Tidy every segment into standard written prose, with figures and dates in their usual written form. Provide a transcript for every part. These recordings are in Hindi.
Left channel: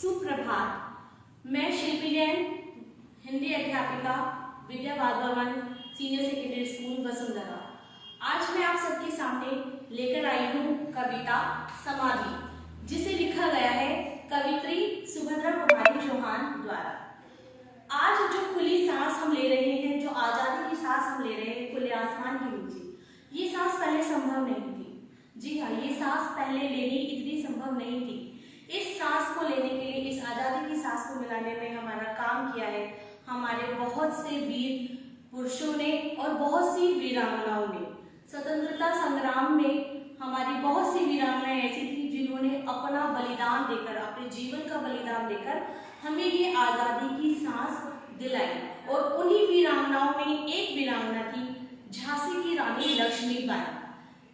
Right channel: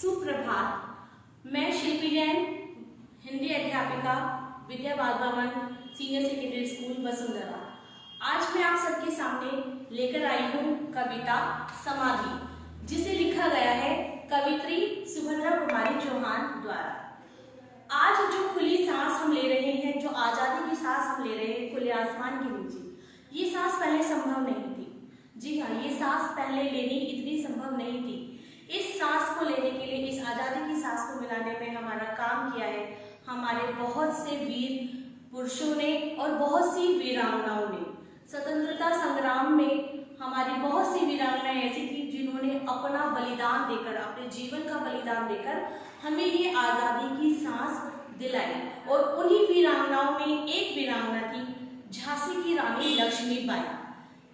सुप्रभात। मैं शिल्पी जैन, हिंदी अध्यापिका, विद्या बाल भवन सीनियर सेकेंडरी स्कूल वसुंधरा। आज मैं आप सबके सामने लेकर आई हूँ कविता समाधि, जिसे लिखा गया है कवित्री सुभद्रा कुमारी चौहान द्वारा। आज जो खुली सांस हम ले रहे हैं, जो आज़ादी की सांस हम ले रहे हैं खुले आसमान के नीचे, ये सांस पहले संभव नहीं थी। जी हाँ, ये सांस पहले लेनी इतनी संभव नहीं थी। इस सांस को लेने के लिए, इस आज़ादी की सांस को मिलाने में हमारा काम किया है हमारे बहुत से वीर पुरुषों ने और बहुत सी वीरांगनाओं ने। स्वतंत्रता संग्राम में हमारी बहुत सी वीरांगनाएं ऐसी थी जिन्होंने अपना बलिदान देकर, अपने जीवन का बलिदान देकर हमें ये आज़ादी की सांस दिलाई। और उन्हीं वीरांगनाओं में एक वीरांगना थी झांसी की रानी लक्ष्मीबाई,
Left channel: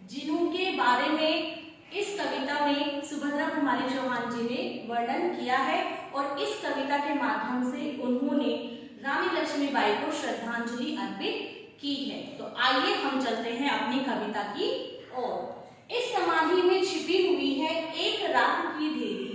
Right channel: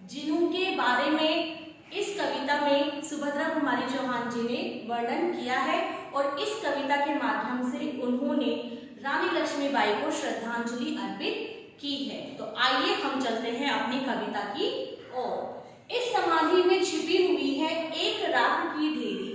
जिनके बारे में इस कविता में सुभद्रा कुमारी चौहान जी ने वर्णन किया है। और इस कविता के माध्यम से उन्होंने रानी लक्ष्मीबाई को श्रद्धांजलि अर्पित की है। तो आइए हम चलते हैं अपनी कविता की ओर। इस समाधि में छिपी हुई है एक राख की ढेरी,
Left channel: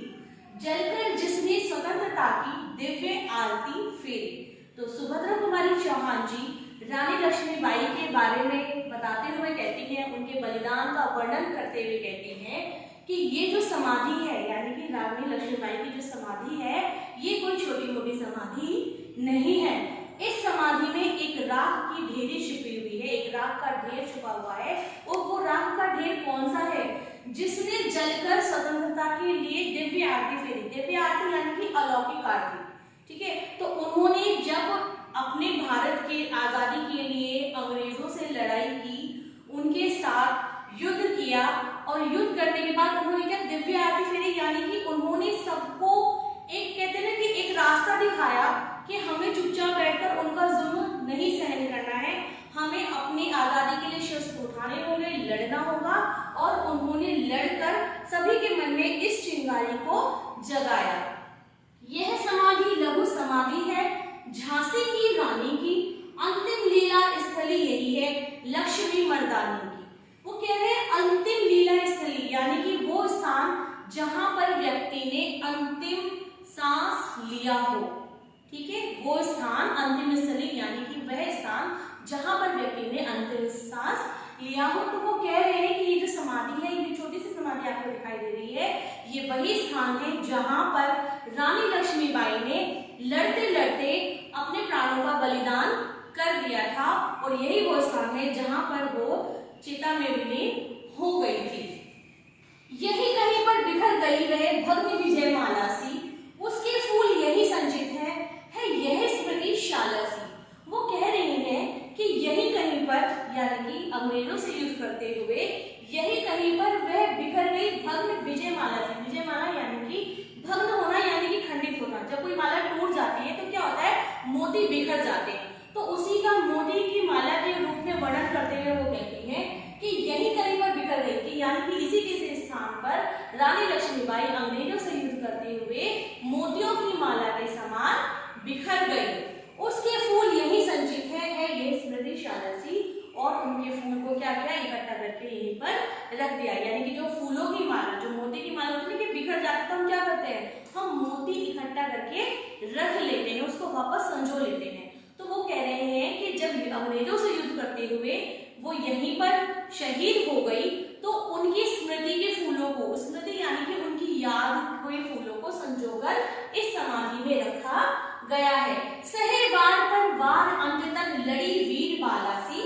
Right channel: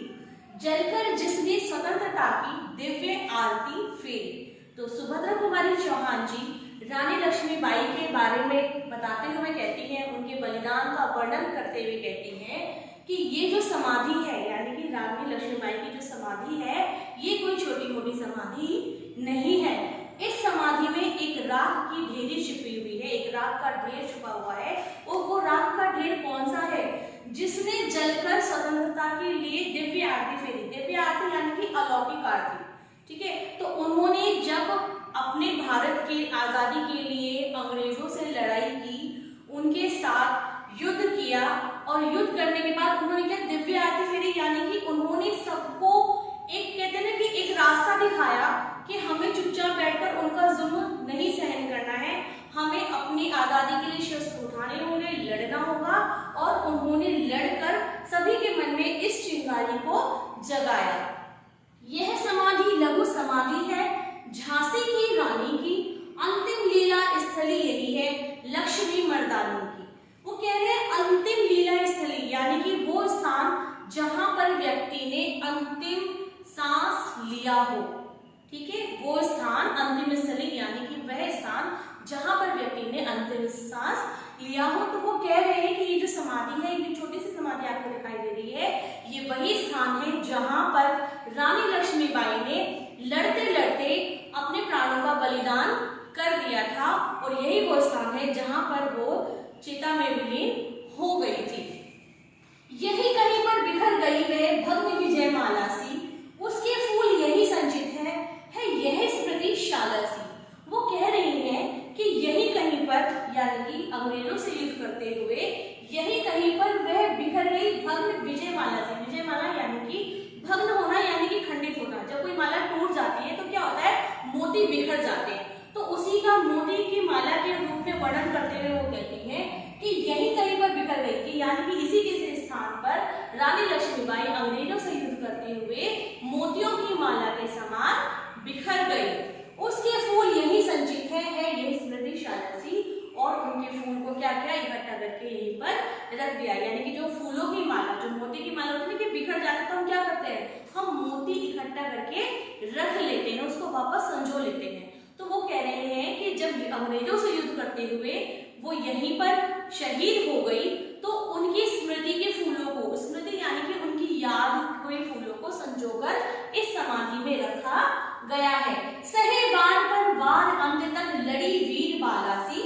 जलकर जिसने स्वतंत्रता की दिव्य आरती फेरी। तो सुभद्रा कुमारी चौहान जी रानी लक्ष्मीबाई के बारे में बताते हुए कहती हैं, उनके बलिदान का वर्णन करते हुए कहती हैं कि ये जो समाधि है, यानी कि रानी लक्ष्मीबाई की जो समाधि है, ये कोई छोटी मोटी समाधि नहीं है। इस समाधि में एक राख की ढेरी छिपी हुई है, एक राख का ढेर छुपा हुआ है। और वो राख का ढेर कौन सा है? जिसने जलकर स्वतंत्रता के लिए दिव्य आरती फेरी। दिव्य आरती यानी कि अलौकिक आरती, ठीक है। तो उन्होंने जब अपने भारत के आजादी के लिए अंग्रेजों से लड़ाई की, उनके साथ युद्ध किया, और युद्ध करने के बाद उन्होंने क्या दिव्य आरती फेरी, यानी कि उन्होंने सबको एक, कहते हैं ना कि एक रास्ता दिखाया कि हमें चुपचाप बैठकर उनका जुल्म नहीं सहन करना है, हमें अपनी आजादी के लिए शस्त्र उठाने होंगे, लड़ना होगा। और उन्होंने लड़कर सभी के मन में इस चिंगारी को जगाया। यह समाधि लघु समाधि है झांसी की रानी की, अंतिम लीला स्थली यही है लक्ष्मी मर्दानी की। वो कह रहे हैं अंतिम लीला स्थली, यानी कि वो स्थान जहां पर व्यक्ति ने अंतिम सांस लिया हो, ठीक है। वो स्थान अंतिम स्थली, यानी कि वह स्थान जहां पर व्यक्ति ने अंतिम सांस लिया हो। तो वो कह रहे हैं कि ये जो समाधि है, ये छोटी सी समाधि आपको दिखाई दे रही है, ये वही स्थान है जहां पर रानी लक्ष्मीबाई ने लड़ते लड़ते अपने प्राणों का बलिदान कर दिया था। और यही वो स्थान है जहां पर वो चिता में विलीन हो गई थी। यही कहीं पर बिखर गई वह भग्न विजय माला सी, उसके फूल यही संचित है यह स्मृति शाला सी। वो कह रही हैं कि यही कहीं पर, यानी कि अंग्रेजों से युद्ध करते हुए यही कहीं पर वह बिखर गई भग्न विजय माला सी। विजय माला यानी कि भग्न होना, यानी कि खंडित होना। जब कोई माला टूट जाती है तो क्या होता है, मोती बिखर जाते हैं। तो उसी का मोती की माला के रूप में वर्णन करते हुए वो कहती हैं कि यही कहीं पर बिखर गई थी, यानी कि इसी के स्थान पर रानी लक्ष्मीबाई अंग्रेजों से युद्ध करते हुए मोतियों की माला के समान बिखर गई। उसके फूल यही संचित है यह स्मृति शाला सी। और उनके फूल को क्या किया, इकट्ठा करके यहीं पर रख दिया। यानी कि जो फूलों की माला, जो मोती की माला होती है कि बिखर जाते, तो हम क्या करते हैं, हम मोती इकट्ठा करके रख लेते हैं, उसको वापस संजो लेते हैं। तो वो कह रहे हैं कि जब अंग्रेजों से युद्ध करते हुए वो यहीं पर शहीद हो गई, तो उनकी स्मृति के फूलों को, स्मृति यानी कि उनकी याद हुए फूलों को संजोकर इस समाधि में रखा गया है। सहे वार पर वार अंत तक लड़ी वीर बाला सी,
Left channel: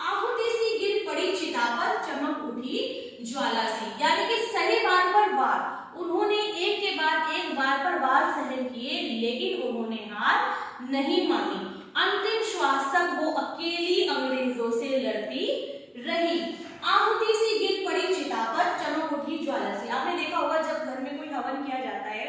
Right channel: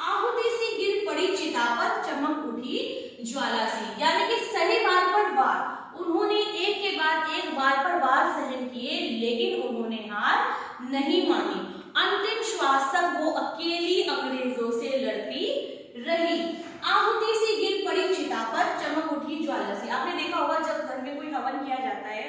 आहुति सी गिर पड़ी चिता पर चमक उठी ज्वाला सी। यानी कि सहे वार पर वार, उन्होंने एक के बाद एक वार पर वार सहन किए, लेकिन उन्होंने हार नहीं मानी। अंतिम श्वास तक वो अकेली अंग्रेजों से लड़ती रही। आहुति सी गिर पड़ी चिता पर चमक उठी ज्वाला सी। आपने देखा होगा जब घर में कोई हवन किया जाता है,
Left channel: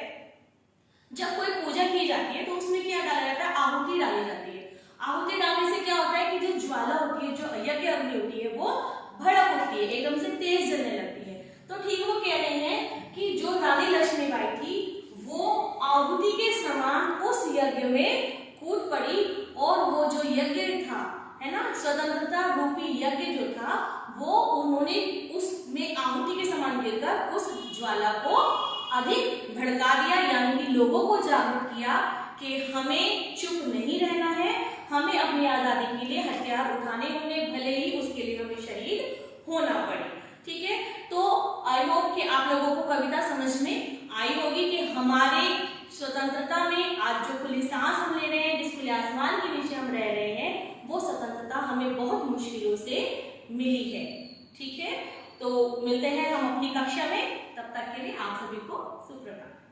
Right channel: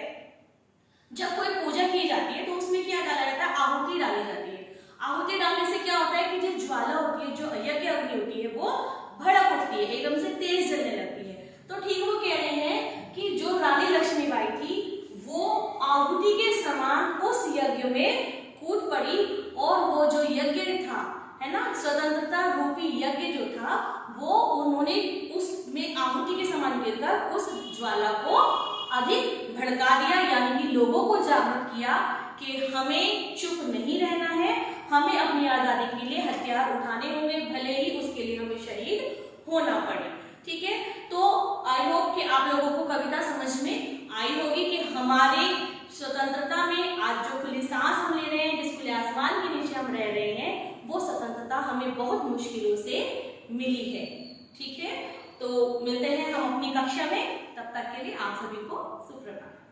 जब कोई पूजा की जाती है, तो उसमें क्या डाला जाता है, आहुति डाली जाती है। आहुति डालने से क्या होता है कि जो ज्वाला होती है, जो यज्ञ अग्नि होती है, वो भड़क उठती है, एकदम से तेज जलने लगती है। तो ठीक वो कह रहे हैं कि जो रानी लक्ष्मीबाई थी वो आहुति के समान उस यज्ञ में कूद पड़ी, और वो जो यज्ञ था, है ना, स्वतंत्रता रूपी यज्ञ जो था, वो उन्होंने उसमें आहुति के समान गिरकर उस ज्वाला को अधिक भड़का दिया, यानी कि लोगों को जागरूक किया कि हमें चुप नहीं रहना है, हमें अपनी आजादी के लिए हथियार उठाने होंगे, भले ही उसके लिए हमें शहीद होना पड़े। ठीक है, तो आई होप कि आप लोगों को कविता समझ में आई होगी कि हमारे स्वतंत्रता में आज जो खुली सांस हम ले रहे हैं, जिस खुले आसमान के नीचे हम रह रहे हैं, वो स्वतंत्रता हमें बहुत मुश्किलों से मिली है। ठीक है, तो मिलते हैं हम अपनी कक्षा में, तब तक के लिए आप सभी को सुप्रभात।